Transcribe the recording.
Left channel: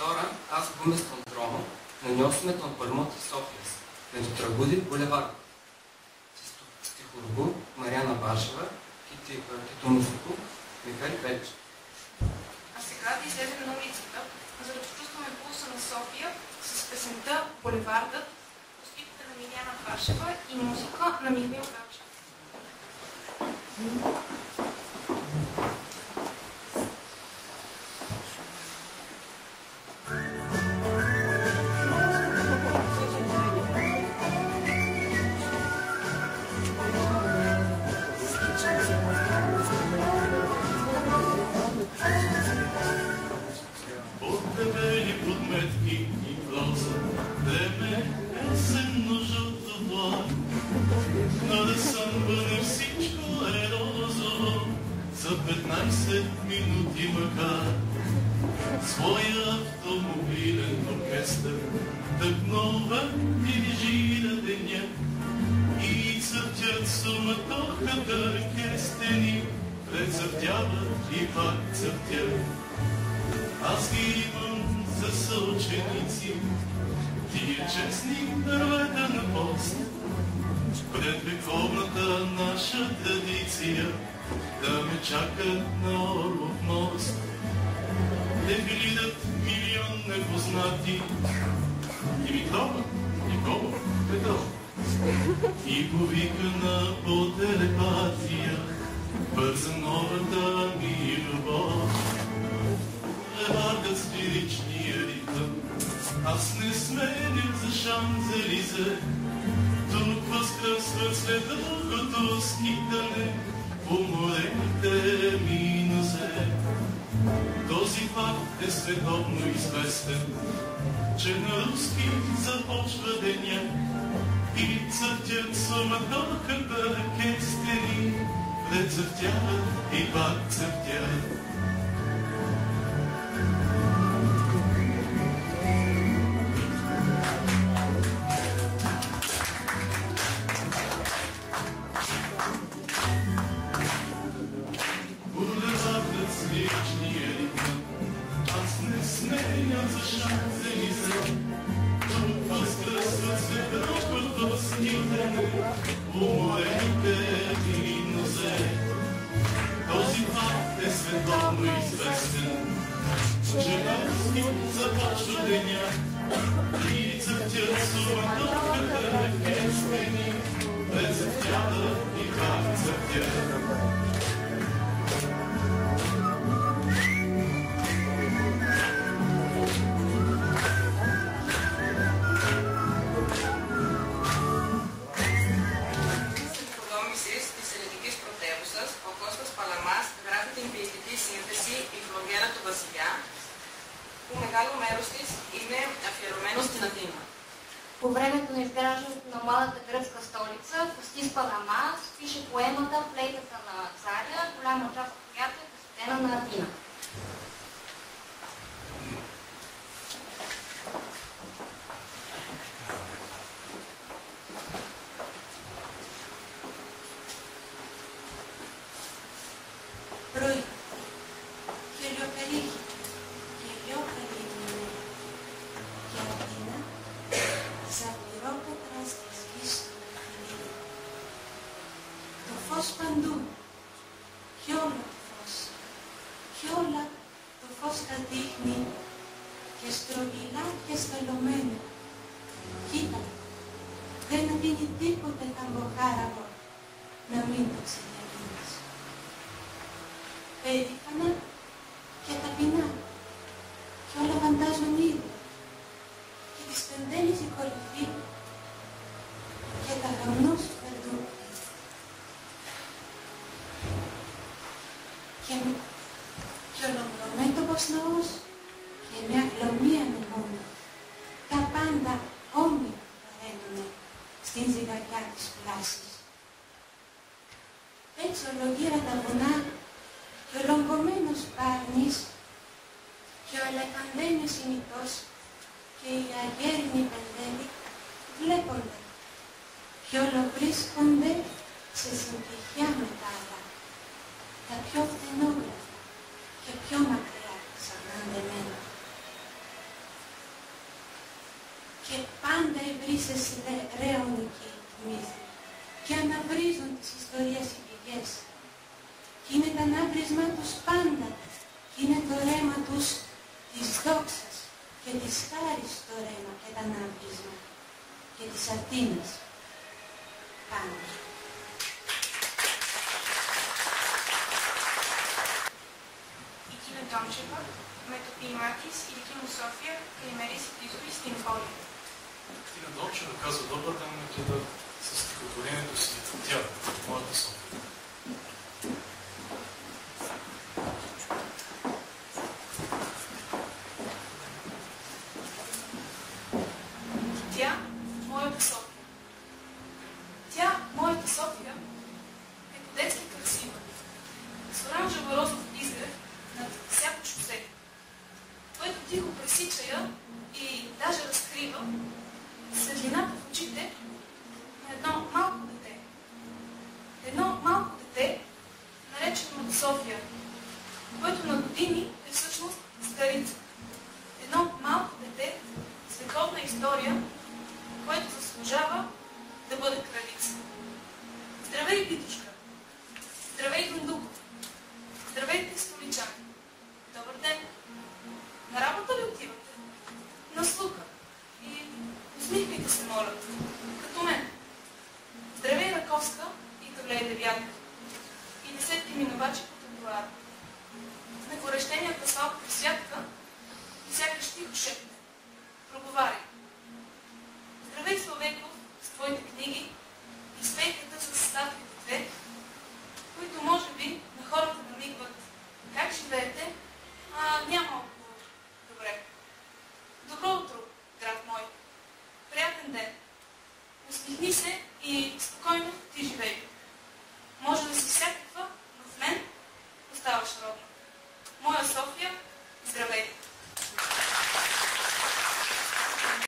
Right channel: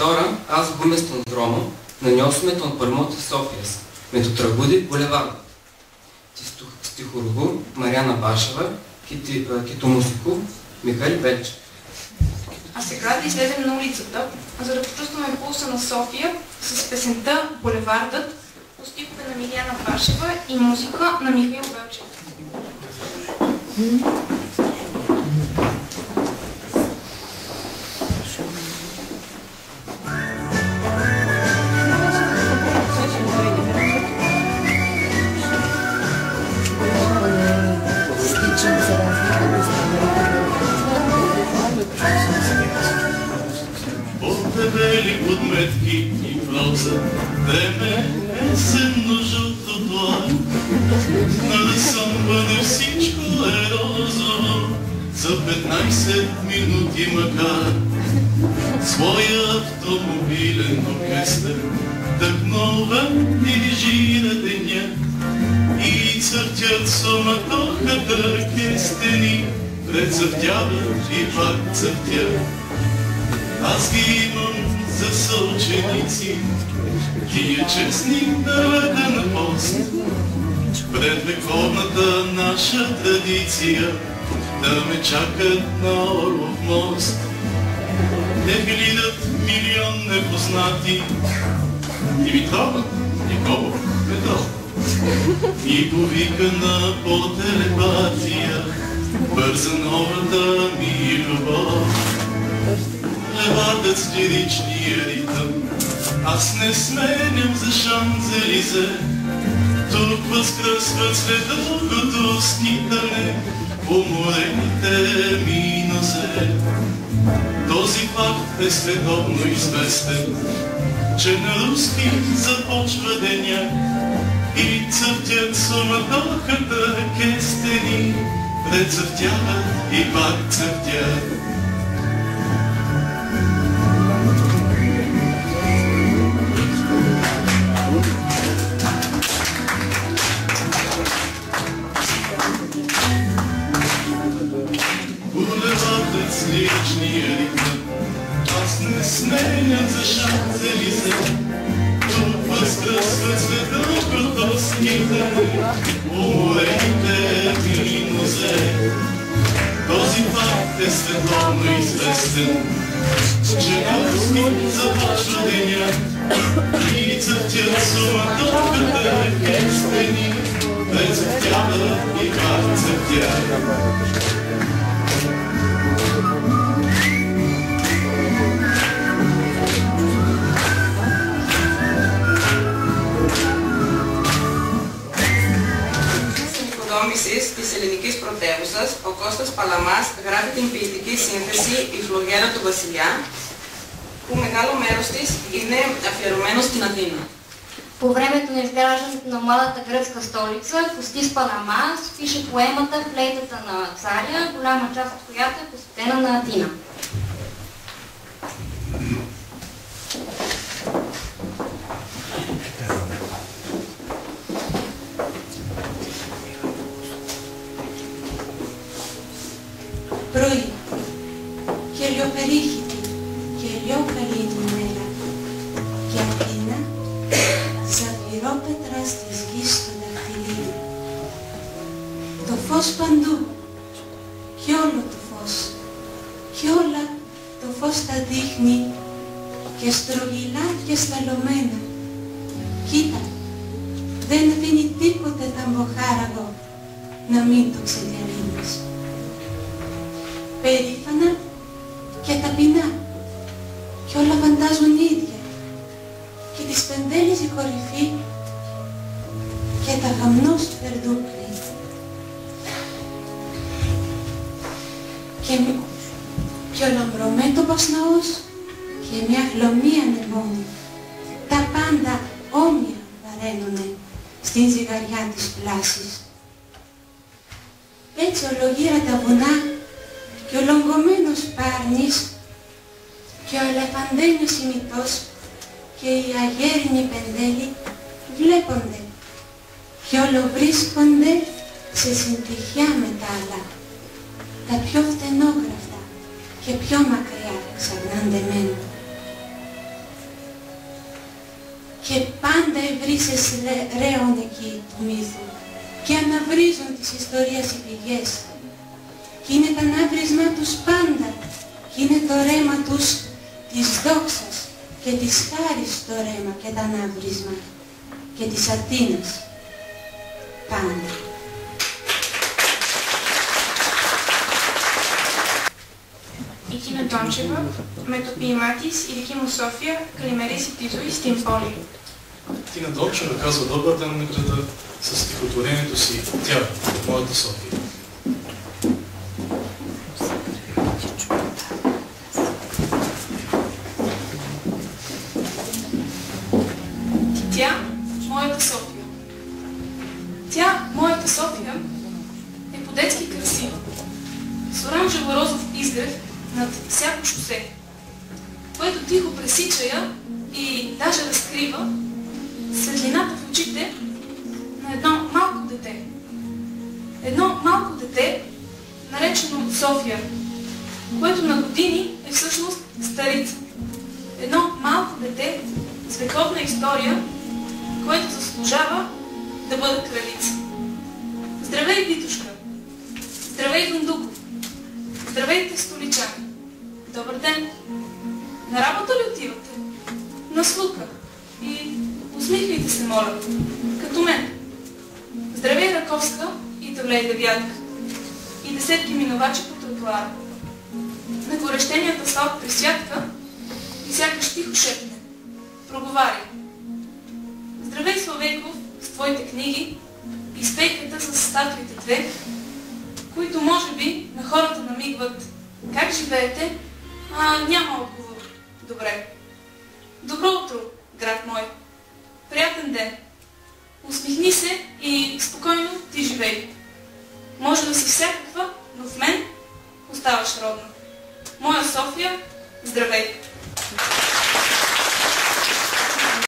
Τώρα аз βγούμε στον δρόμο να νιώσουμε τον παλμό της Σόφιας με το τραγούδι «Μπουλεβάρδο» της στιχουργού Мариана Башева και του музику Михаил Велчев. А сега да излезем на улицата, за да почувстваме пулса на София с песента «Булевардът» по стихове на Мариана Башева и музика на Михаил Велчев. По-дебели подметки и проза, време есенно-жълто тло. Нарисуване всичко е розово, за 15 минути макар. Своя автомобилен оркестър тъкнова дирижира деня и църтят суматохата кестени, прецъфтяват и пак цъфтят. Аз ги имам за съученици, тия честни дървета на пост, пред вековната наша традиция, да ме чакат на Орлов мост. Те гледат милион непознати, Димитрова, Николов, Петров, и повикана по телепатия, бърза новата ми любов. Булевардът с лиричния ритъм, аз не сменям за Шанзелизе. Тук възкръсват след дългото скитане уморените ми нозе. Този факт е световно известен, че на руски започва деня и цъфтят суматохата кестени, прецъфтяват и пак цъфтят. Булевардът с лиричния ритъм, аз не сменям за Шанзелизе. Тук възкръсват след дългото скитане уморените ми нозе. Този факт е световно известен, че на руски започва деня и цъфтят суматохата кестени, прецъфтяват и пак цъфтят. Της ελληνικής πρωτεύουσας, ο Κώστας Παλαμάς γράφει την ποιητική σύνθεση «Η φλογέρα του Βασιλιά», που μεγάλο μέρος της είναι αφιερωμένο στην Αθήνα. По времето на изграждането на младата гръцка столица, Костис Паламас пише поемата «Флейтата на царя», голяма част от която е посветена на Атина. Πρωί, χελιοπερίχητη και λιόκαλη η μέρα και Αθήνα, ζαφυρόπετρα στις γης στο δαχτυλίδι. Το φως παντού, κι όλο το φως, κι όλα το φως τα δείχνει και στρογγυλά και σταλωμένα. Κοίτα, δεν αφήνει τίποτε θαμποχάραγο να μην το ξεδιαλύνεις. Περήφανα και ταπεινά κι όλα φαντάζουν ίδια και τη σπεντέλιζε η κορυφή και τα γαμνός περδούκλη και ο λαμπρομέτωπος ναός και μια χλωμή ανεμόνη, τα πάντα όμοια βαραίνουνε στην ζυγαριά της πλάσης. Έτσι ολογύρα τα βουνά και ο λογκωμένος Πάρνης και ο ελεφαντένιος ημιτός και οι αγέρινοι πεντέλοι βλέπονται και όλο βρίσκονται σε συντυχιά με τα άλλα, τα πιο φτενόγραφτα και πιο μακριά ξανά ντεμένα. βρίσκεσαι ρέον εκεί του μύθου και αναβρίζουν τις ιστορίες οι πηγές. Κι είναι το ανάβρισμά τους πάντα, κι είναι το ρέμα τους της δόξας και της χάρης το ρέμα και το ανάβρισμα και της Αθήνας. Πάντα. И Тина Дончева, με το ποίημά της «Η δική μου София калимериси τη ζωή στην πόλη». Тина Дончева казва добър ден на града със стихотворението си «Тя, моята София». Тя, моята София. Тя, моята София, е по-детски красива, с оранжево-розов изгрев над всяко шосе, което тихо пресича я и даже разкрива светлината в очите на едно малко дете. Едно малко дете, наречено София, което на години е всъщност старица. Едно малко дете с вековна история, което заслужава да бъде кралица. Здравей, Витушка! Здравей, Дундуков! Здравейте, столичани! Добър ден! На работа ли отивате? На слука. И усмихвайте се, моля, като мен. Здравей, Раковска и Тавлей Девятка. И десетки минувачи по тротуара. На горещеният асфалт присвятка и сякаш тихо шепне. Проговаря. Здравей, Славейков, с твоите книги и с пейката с статуите две, които може би на хората намигват как живеете, няма отговор. Добре. Добро утро, град мой. Приятен ден. Усмихни се и спокойно ти живей. Може да си всякаква, но в мен оставаш родна. Моя София, здравей!